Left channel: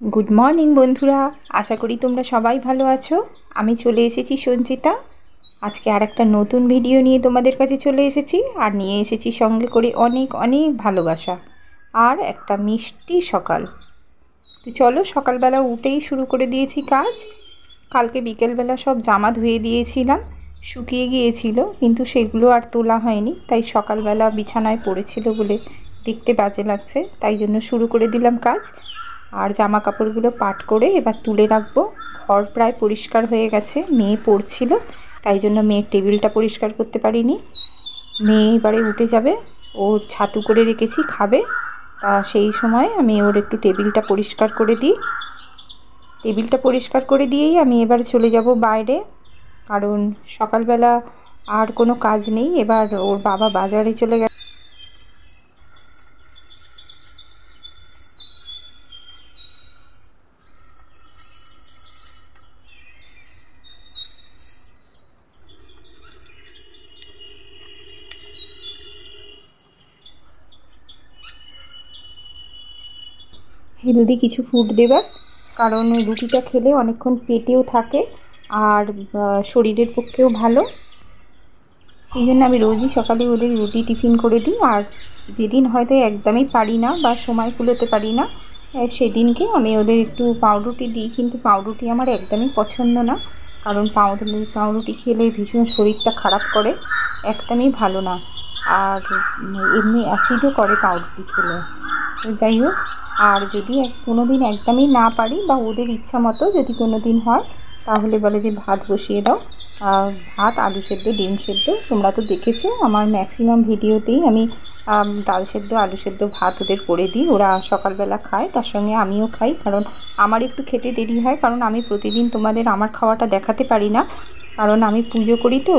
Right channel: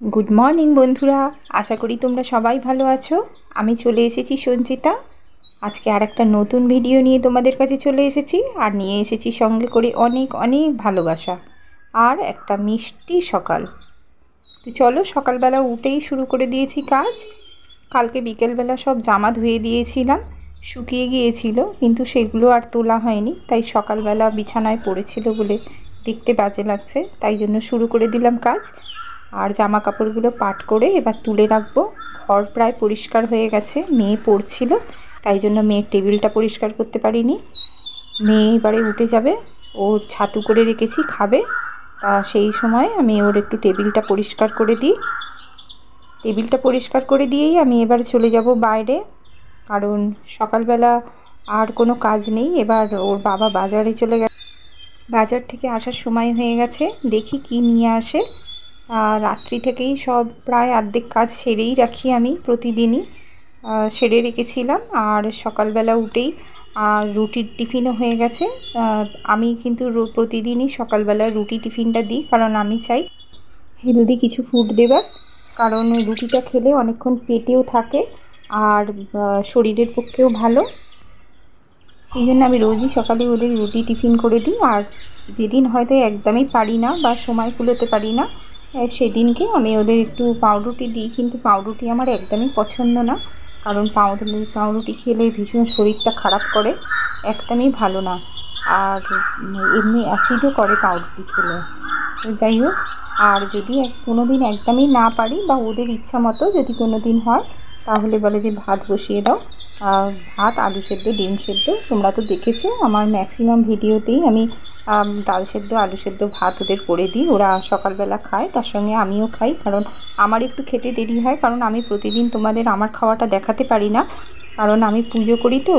Good morning বন্ধুরা, আশা করি তোমরা সবাই ভালো আছো। আমি চলে এসেছি সঞ্চিতা। আজকে আর একটা নতুন ভিডিও নিয়ে তোমাদের কাছে চলে এসেছি, আর নিয়ে এসেছি সঙ্গে করে অনেক অনেক ভালোবাসা আর একটা মিষ্টি সকাল। তো চলো, সকালবেলা উঠেই শুরু করে দিয়েছি কাজ। কালকে বিকেলবেলা সব জামা ধুয়ে দিয়েছিলাম, শুকিয়ে গিয়েছিল, কিন্তু সেগুলো আর তোলা হয়নি। তাই সকালবেলা বিছানায় পড়েছিল বলে দেখতে বাজে লাগছে, তাই জন্য শুরু করে দিলাম কাজ। আর জামা কাপড়গুলো পাট করে এবার তুলে রাখবো। ঘর প্রায় পরিষ্কার হয়ে গেছে, মেয়ে পড়ছিল, তাই জন্য মেয়ের টেবিলটা পরিষ্কার করতে পারিনি। মেয়ে এবারে উঠে যাবে, ওর ছাতু করে রেখেছি, খাবে। তা সেই সময় আমি ওর একটু টেবিলটা পরিষ্কার করে দিই। টেবিলটা পরিষ্কার করে দিয়েই আমি এবার চলে যাব বাইরে, কারণ সকালবেলা আর কোনো কাজ নেই। এবার ওর বাবা বাজারে চলে গেছে, বাজার থেকে আসার সময় হয়ে গেছে, দেখি কি নিয়ে আসে। রাত্রি থেকেই সব প্রায় অর্ধেক কাজ সেরেই রাখি আমি প্রতিদিনই, সেরে রেখেছিলাম। আর সকালবেলা উঠেই রুটির টিফিনও হয়ে গেছে। আমি কিন্তু প্রতিদিনই সকালবেলা রুটি টিফিনটা দিই, কারণ আমি চাই হেলদি কিছু ফুড দেবার। কারণ রুটিটা খেলে অনেকক্ষণ পেটেও থাকে আর শরীরের পক্ষেও ভালো। সেই জন্য আমি রোজই সকালে ওদের রুটি টিফিন করে দিই। আর যেদিন হয়তো একদমই পারি না বা সময় কুলোতে পারি না, সেদিনকে আমি ওদের একটু পাউরুটি দিই। কিন্তু পাউরুটি আমার একদমই পছন্দ না, কারণ পাউরুটি খেলে ভীষণ শরীরটা খারাপ করে, একদমই ভালো না। আর এমনি অ্যাসিডও করে পাউরুটি খেলে। তো যাই হোক, আর যদি কোনো দিন একদমই না পারি বা ওদের ইচ্ছা মতো যদি কোনো দিন হয়, তাহলে বলে যে ভাত বসিয়ে দাও। ভাত, আলু সেদ্ধ, ডিম সেদ্ধ, তোমরা তো দেখেছো আমার ম্যাক্সিমাম ভিডিওতেই আমি ডাল সেদ্ধ, আলু সেদ্ধ, ভাত ওদের করে দিই। ওরা সকালবেলা খায়, তার সঙ্গে আমিও খাই, কারণ আমার একটু খেতে দেরি হয়, কারণ আমি প্রতিদিন তোমাদের আমার খাওয়াটা দেখাতে পারি না, কারণ আমি পুজো করি। তো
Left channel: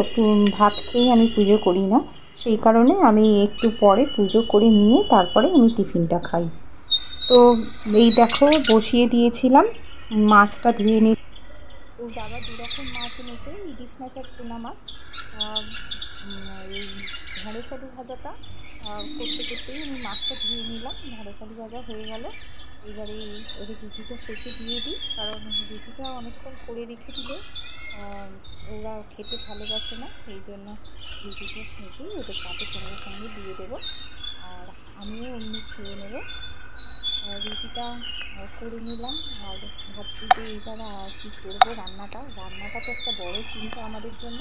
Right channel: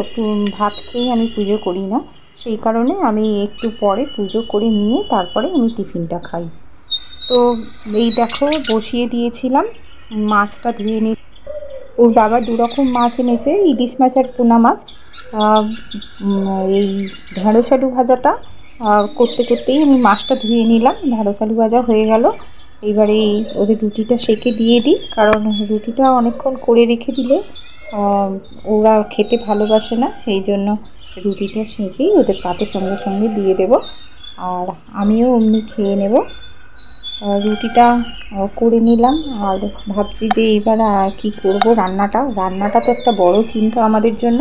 ভাত খেয়েই আমি পুজো করি না, সেই কারণে আমি একটু পরে পুজো করে নিয়ে তারপরে আমি টিফিনটা খাই। তো এই দেখো, বসিয়ে দিয়েছিলাম, মাছটা ধুয়ে নিই। ওর বাবা দুরকম মাছ এনেছে, ইলিশ মাছ আর পোনা মাছ। এই ঢেঁড়স আলু ভাজাটা করতে করতেই আমি মাছটা ধুয়ে নিলাম, ঢেঁড়স আলু ভাজা হয়ে গেল। এবারে ওদের রুটিটা সেঁকে দিয়ে দিই, কারণ রুটিটা অনেকক্ষণ করে রেখে দিলে ওরা খেতে ভালোবাসে না, সেই জন্য রুটিটা সেঁকেই ওদের পাতের সঙ্গে সঙ্গে দিয়ে দেবো, আর আমিও অমনি খেয়ে নেব। রুটিটা করে নিলাম। আর ভাবছি যে এইবার কী করব, রান্নাটা তো একটা বড় চিন্তা আমাদের জন্য।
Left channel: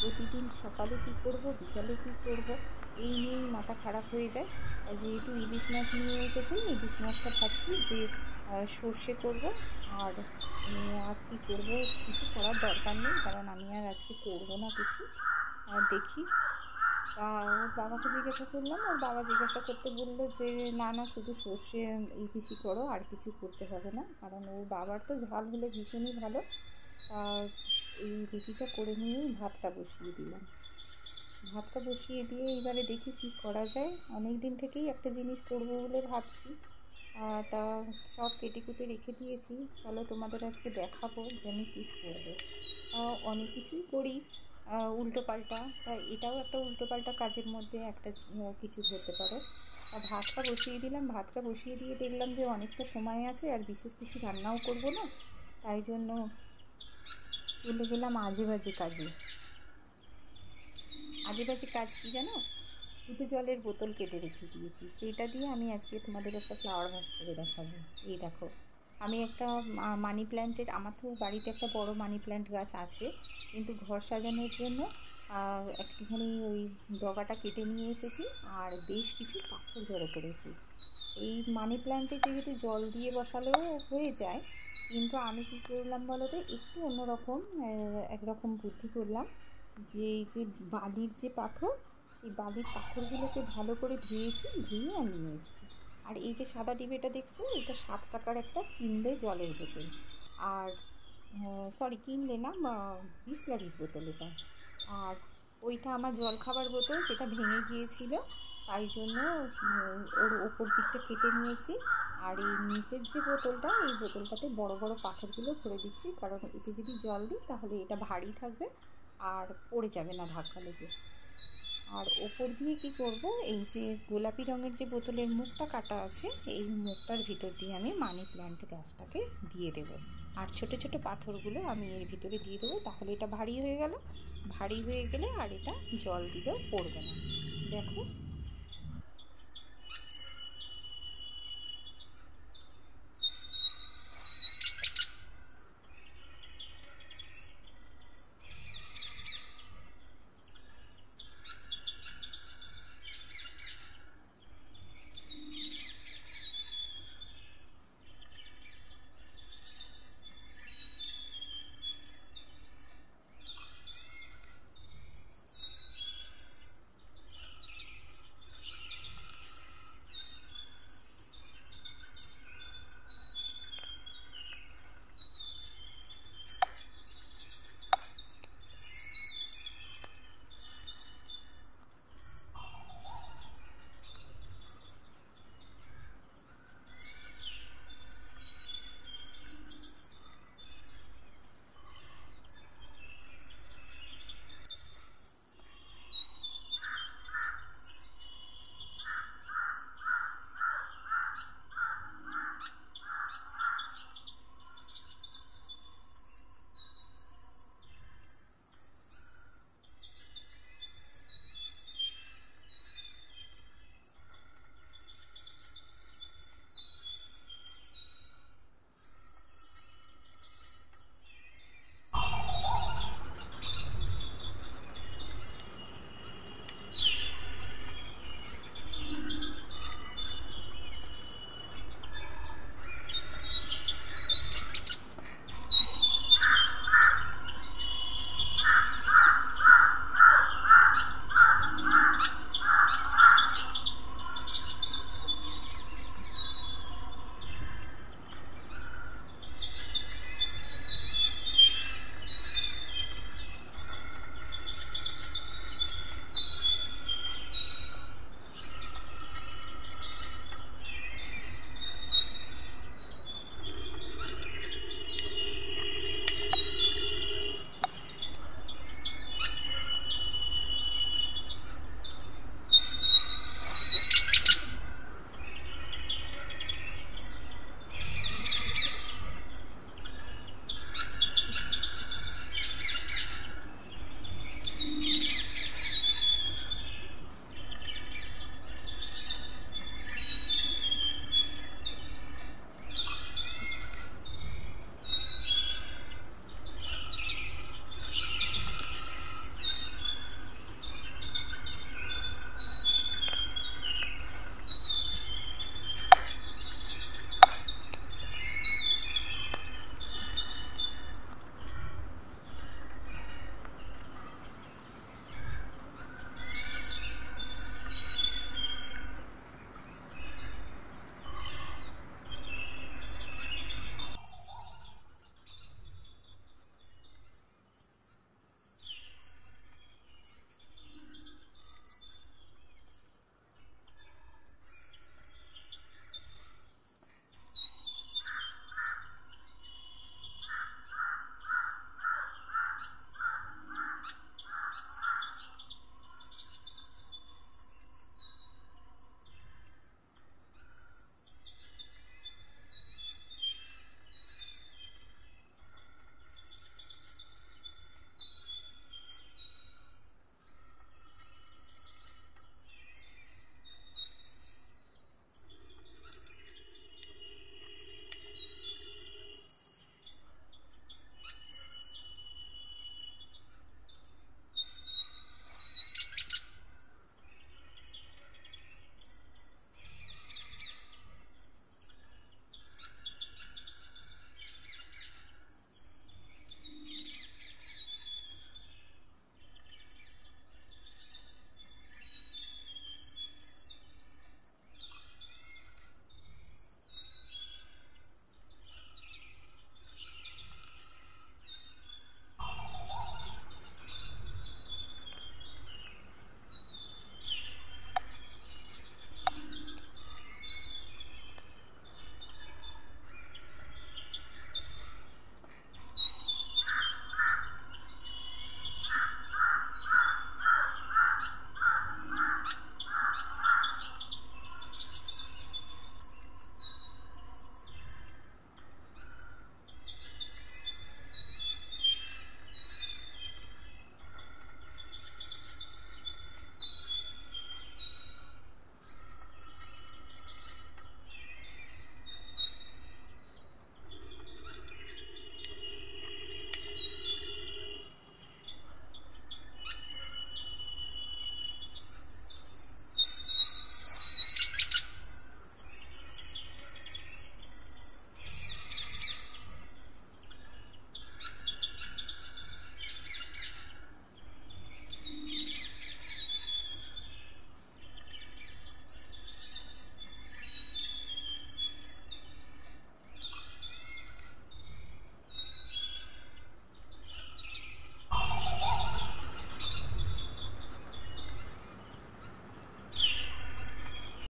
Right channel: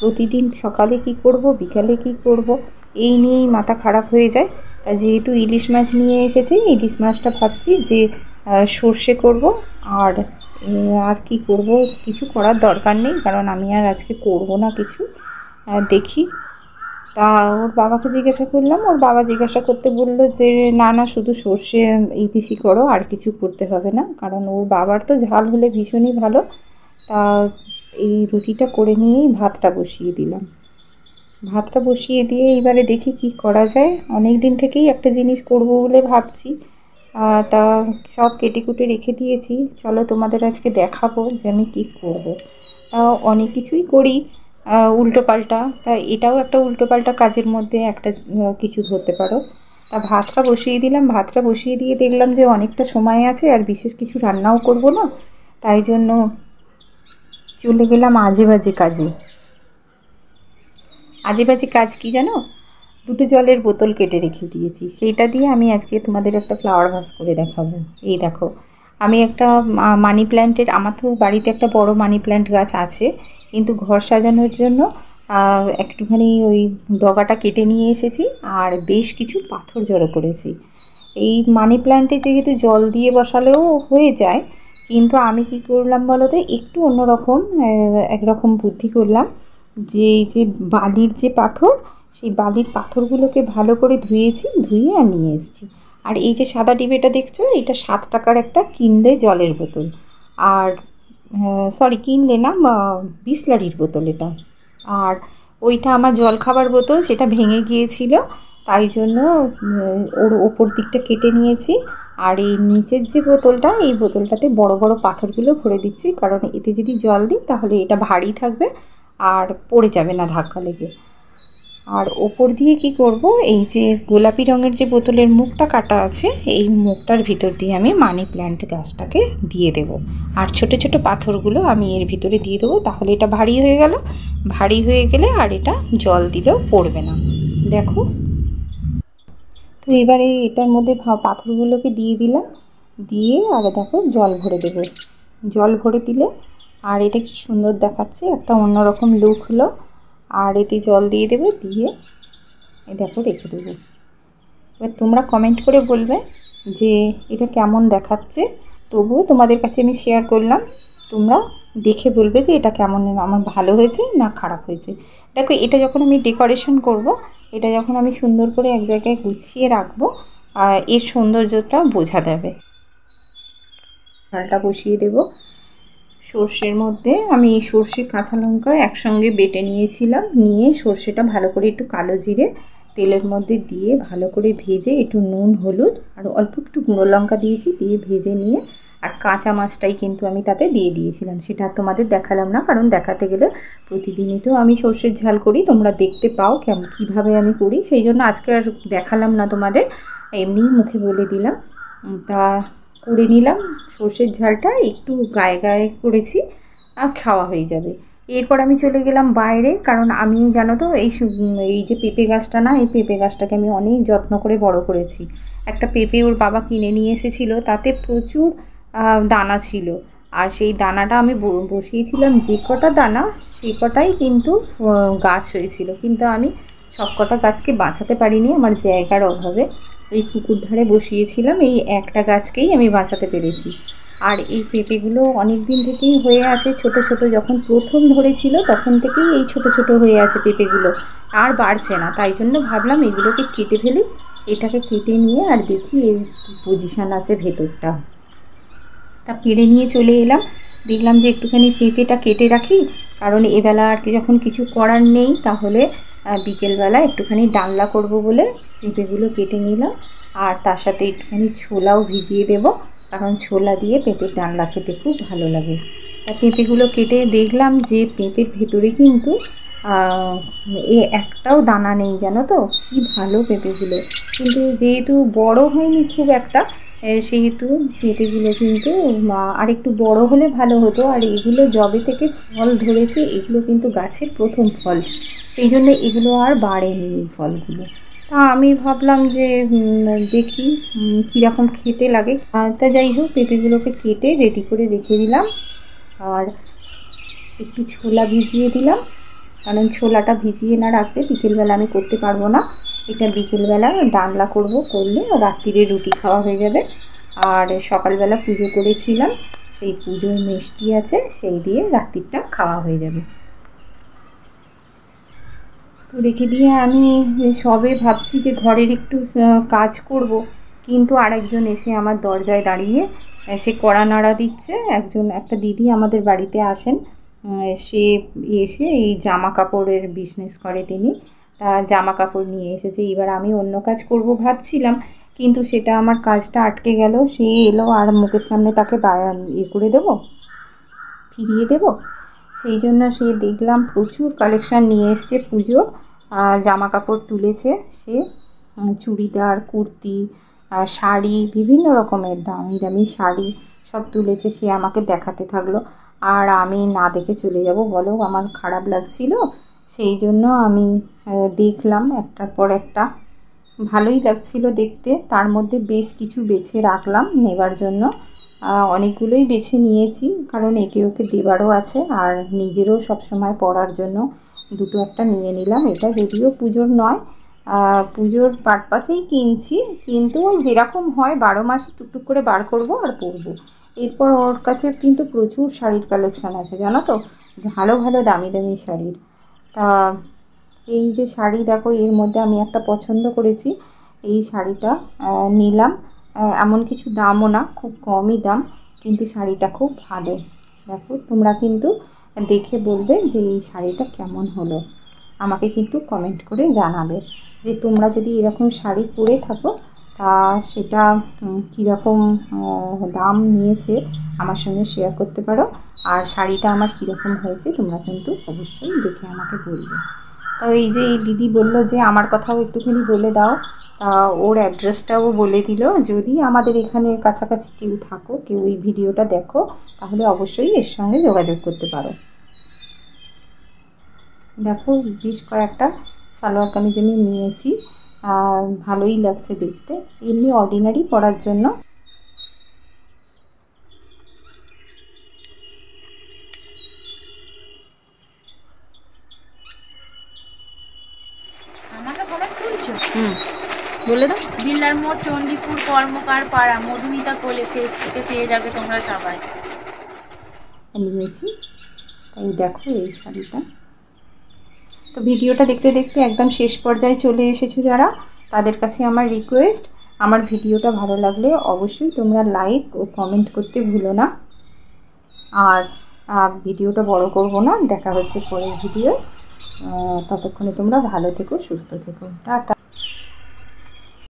প্রতিদিন সকালে কি করব, বিকালে কি করব, এই নিয়েই মাথা খারাপ হয়ে যায়। যেহেতু ইলিশ মাছ নিয়ে এসেছি, ইলিশ মাছটা ভাবছি যে সর্ষে করব। আর আর কি করব, কিছু করার দরকার নেই, কারণ আমি আর আজকে করব না কিছু। দেখি। তা ওর বাবাকে জিজ্ঞাসা করলাম, ওর বাবা জিজ্ঞাসা করতে বললো যে না না, শুধু সর্ষে ইলিশই করো, আর কিছু করতে হবে না, কারণ ওর বাবার তো ঝাল হলে ভীষণই ভালো। তা এই রুটিটা করে নিয়েই ভাতটা বসিয়ে দিলাম। ভাতটা বসিয়ে দিয়ে এবারে দেখি কি করা যায়। অনেক দিন থেকেই একটা জিনিস করব বলে ভাবছি, তা সব কেটে কুটে রেখে দিয়েছি। চলো তোমাদের আজকে দেখাবো যে আমি কী করব। অনেক কিছুই করি উল্টোপাল্টা, তা এটাও একটা উল্টোপাল্টা কাজের মধ্যে একটা কিছু ধরতে পারো। তা ভাতটা বসিয়ে দিলাম, ভাতটা বসিয়ে দিয়ে দেখলাম যে অনেকটা সময় আছে, আর বিশেষ কিছু রান্নাও করব না, তাই জন্য চলে গেলাম আজে বাজে কাজে। আজে বাজে কাজ কি জানো, দুটো জলের বোতল কেটে রেখে দিয়েছি, সেইটা দিয়ে আমি আজকে তোমাদের একটা ফ্লাওয়ার ভাস করে দেখাবো। এই দেখো, আমি একটা মানি প্ল্যান্টের, আমার তো বাড়িতে একটা বড় মানি প্ল্যান্ট গাছ আছে, কিন্তু ঘর সাজানোর জন্য একটুখানি ওই ডগাটা কেটে নিয়ে এসেছি, আর বেশ কিছু পাথর জড়ো করেছি। এই মানি প্ল্যান্টে যেহেতু জল দিয়ে বসালেও হয়ে যায়, কিন্তু আমি কী করলাম বলো তো, একটু অন্যরকম একরকম বুদ্ধি করলাম। যে এই যে বালির যে পাথর, সেই বালির পাথরগুলোকে ভালো করে ধুয়েছি, ধুয়ে আর নিয়ে এসেছি। আর এই যে সাদা ডিবেটা দেখছো, এটা 7 টাকার একটা কিনলে জলের বোতল। আর সরি, কিনলে না, বিসলারির বোতল এটা। আর ওইটা আমার জল খাবার বোতল, সেটা ভেঙে গিয়েছিল, তাই জন্য ওর ওপর দিকটা কেটে নিয়েছি। আর এই নিচের যে বোতলটা, এই বোতলটাতে বড় বড় পাথরগুলো ভরে দিচ্ছি, কারণ এতে যদি জল দিই তাহলে এটা ভারী থাকবে আর পড়ে যাবে না ধাক্কা লেগে। আর ওপর দিয়ে কি করব, এই যে গোলাপি রঙের যে বোতলের মুখটা কাটা আছে, এই মুখটার ভিতর দিয়ে আমি মানি প্ল্যান্ট গাছটাকে দিয়ে দেব। আর ছোট ছোট পাথরগুলো আমি এর ভিতরে দিয়ে দেবো, তাহলে এটা ভারী হয়ে গেল। ভারী হয়ে গেলে আর এটা জল দিলেও পড়বে না। দেখো, তো এবারে এটার মধ্যে পাথরগুলোকে দিয়ে দিলাম, দিয়ে আর দেখো জল ভরে দেবো। জল ভরে দিলে আর এটা কি সুন্দর দেখাচ্ছে, একটা অন্যরকম লুক হলো। আর এতে জল দিয়ে দেবে, দিয়ে দেখো রেখে দেবো। এবার তোমরা কমেন্ট করে বলবে যে এটা কেমন দেখাচ্ছে। তবুও তোমাদের কাছে আমি শেয়ার করলাম, তোমরা দেখে বলবে যে এটা কেমন, আমার ভালো হয়েছে না খারাপ হয়েছে। দেখো, এটা যখন আমি ডেকোরেশন করব, এটা যখন আমি সুন্দর করে এক জায়গায় গুছিয়ে রাখবো, এর সৌন্দর্যটা বোঝা যাবে। ডালটা বসিয়ে দেব। সর্ষের মধ্যে আমি সর্ষে কাঁচা লঙ্কা একসঙ্গে বেটে নিয়েছিলাম, নিয়ে সর্ষেটা ভালো করে একটু কালো জিরে তেলের মধ্যে দিয়ে ভালো করে ভেজে, একটু নুন হলুদ আর অল্প একটু গুঁড়ো লঙ্কা দিয়েছি, দিয়ে ভেজে নিয়ে আর কাঁচা মাছটাই কিন্তু আমি তাতে দিয়ে দিয়েছিলাম। সেটা তোমাদের দেখালাম না, কারণ দেখাতে গেলে প্রতিদিনই তো আমি সর্ষের ঝাল করি, তোমরা দেখতে পাও কীভাবে আমি করি, সেই জন্য আজকে আর দেখালাম না তোমাদের, এমনি মুখে বলে দিলাম। তা করে নিলাম সর্ষের ঝালটা, একটু গায়ে গায়ে করেছি, আর খাওয়া হয়ে যাবে। এরপর আমি চলে গেলাম বাইরে, কারণ আমি জানো তো এই যে পেঁপে গাছটা না, এই পেঁপে গাছটাকে আমি অনেক যত্ন করে বড় করেছি। একটা পেঁপে ওর বাবা কিনে নিয়ে এসেছিলো, তাতে প্রচুর দানা ছিল, আর সেই দানাটা আমি বসিয়েছিলাম যে কটা দানা, সেই কটাই কিন্তু গাছ হয়েছিল, কিন্তু আমি সব কটা গাছকে বাঁচাতে পারিনি আমার জায়গার অভাবে। ওই পুকুর ধারে বসিয়েছিলাম, এই একটা গাছকেই আমি বাঁচাতে পেরেছি। আর এই পেঁপেগুলো অনেক দিন থেকেই হয়ে আছে ছোট ছোট, যখন প্রথম ধরেছিল তখন থেকেই এই ছোট ছোট হয়ে আছে পেঁপেগুলো, আর বাড়ছে না। তাই জন্য ভাবলাম এগুলোকে কেটে ফেলি, এটাকে কেটে নিয়ে আর দেখি এই পজিশান আছে ভেতরটা। তা পেড়ে নিয়ে চলে এলাম, দেখলাম যে একটুখানি পেঁপেটা কেটে রাখি, কারণ এবেলা আর কি যখন কিছু করার নেই, তাহলে বিকেলবেলা একটুখানি ডালনা করব বলে পেঁপেগুলো কেটে নিলাম। আর তার সাথে একটুখানি ছোলাও ভিজিয়ে দেব, কারণ ছোলা দিয়ে পেঁপের ডালনা খেতে খুব ভালো লাগে। তা পেঁপেগুলো কেটে দেখলাম যে পেঁপের ভেতরে কিন্তু একটাও দানা নেই, জানো তো, কি ভালো পেঁপেগুলো। কিন্তু যেহেতু বড় হয়নি খুব একটা, সেহেতু পেঁপেগুলো কিন্তু আর একটু বড় হলে ভালো হতো। আর এগুলো যবে থেকে ফল ধরেছে, এগুলো কিন্তু গাছের প্রথম ফল, সেই জন্য এগুলো আর বাড়েনি এই ফলগুলো। তা আমি ভাবলাম যে দেখি কীরকম খেতে লাগে। তা যাই হোক, পেঁপেগুলোকে কেটে রেডি করে রেখে দিলাম, আর একটু ছোলা ভিজিয়ে দিলাম, কারণ ছোলাটা ভিজিয়ে না রাখলে বিকেলবেলা আমি করতে পারবো না। এটা বিকেলবেলা ডালনা করব, করলে রাত্রিরে রুটি খাওয়া হয়ে যাবে। আর সকালবেলা পুজো করেছিলাম, সেই পুজোর মিষ্টি আছে, সেই দিয়ে রাত্রিটা খাওয়া হয়ে যাবে। রেখে দিয়ে আমি সবে ভাবছি যে ঘরের একটু কাজ করব, কিন্তু আরেকজন এসে আমার দরজায় দাঁড়িয়ে সে কড়া নাড়া দিচ্ছে। একটা দিদি আমাদের বাড়িতে আসেন, সে এসে এই জামা কাপড়ের বিজনেস করে তিনি, তা জামা কাপড় নিয়ে এসেছে। এবার আমি অন্য কাজ করব ভাবছিলাম, কিন্তু সেটা আমার কাজটা আটকে গেল। সে এলো আর মুখের সামনে তাকে করে দেবো, ফিরিয়ে দেবো, সেই জন্য সে দেখলাম প্রচুর কালেকশান নিয়ে এসছে পুজোর, জামা কাপড় তুলেছে সে, চুড়িদার, কুর্তি, শাড়ি, বিভিন্ন রকমের দামি দামি শাড়ি সব তুলেছে। সে আমাকে দেখাতে থাকলো, আর আমি না দেখে চলে যাব বলো, আমার খারাপ লাগছিল। সেই জন্য আমি দেখলাম একটার পর একটা, ভালোই লাগছিল দেখতে। তার মধ্যে বেশ কিছু বেছে রাখলাম নেবার জন্য, অনেকগুলোই বেছে নিয়েছি, কারণ একে ওকে দেবারও আছে, আর নিজেরও সবসময় পরার জন্য দুটো একটা নিয়ে নিলাম। এটা যদিও পুজোর নয়, পুজোর পারপাসেই কিনছি, কিন্তু যেরকম হয় 12 মাসে টুকটুক করে বার করব আর পরবো। এরপর ওর কাছে কিন্তু প্রচুর শাড়ির কালেকশান আছে, জানো তো, ভালো ভালো দামি দামি শাড়ির। তা এই যে শাড়ি দেখো, এর মধ্যে আমি একটা পছন্দ করেছি, এই শাড়িটা নিলাম। এমন কিছু দামও না, খুব কমই দাম, কিন্তু শাড়িটা খুব ভালো। দেখো, তোমরা কিন্তু দেখে বলবে যে এই শাড়িটা কেমন হলো, আমাকে কিন্তু কমেন্ট করে জানাবে যে তোমরা যদি এরকম শাড়ি পরে থাকো, তা সেটা কীরকম দাম নিয়েছে আমার সঙ্গে শেয়ার করতে পারো। আর শাড়িটা আমার কীরকম হয়েছে তোমরা কিন্তু অবশ্যই দেখে আমাকে বলবে। তো এই যে এই দিদি বললো যে আমার কথাও একটুখানি বলে দাও, ওর অ্যাড্রেসটাও বলে দিল। যদি আমাদের এখানে কাছাকাছি কেউ থাকো, কেউ এই ভিডিওটা দেখো, তাহলে অবশ্যই এর সঙ্গে যোগাযোগ করতে পারো। দেখো বেশ কয়েকটা সালোয়ার কামিজ আমি নিয়েছি, আর ভালোই লাগছে দেখতে, এমনি অর্ডিনারি পরার জন্য। আমাকে সবাই তুলছো? বলে দাও। বিল্লার মোড়, চণ্ডীপুর, কর্মকার পাড়া, মধুমিতা কোলে, ফেসবুকে পেয়ে যাবে তোমরা সবাই। নিয়েছি, তাই দেখো এই শাড়িটা। তো ভিডিওটা দেখতে দেখতে একদম শেষ পর্যায়ে চলে এসেছো যারা, তাদের কাছে আমার রিকোয়েস্ট, আমার ভিডিওটা ভালো লাগলে অবশ্যই তোমরা লাইক ও কমেন্ট করতে ভুলো না। আর ভিডিওটা বড় করব না, দেখা হচ্ছে পরের ভিডিও। ততক্ষণে তোমরা ভালো থেকো, সুস্থ থেকো, টাটা।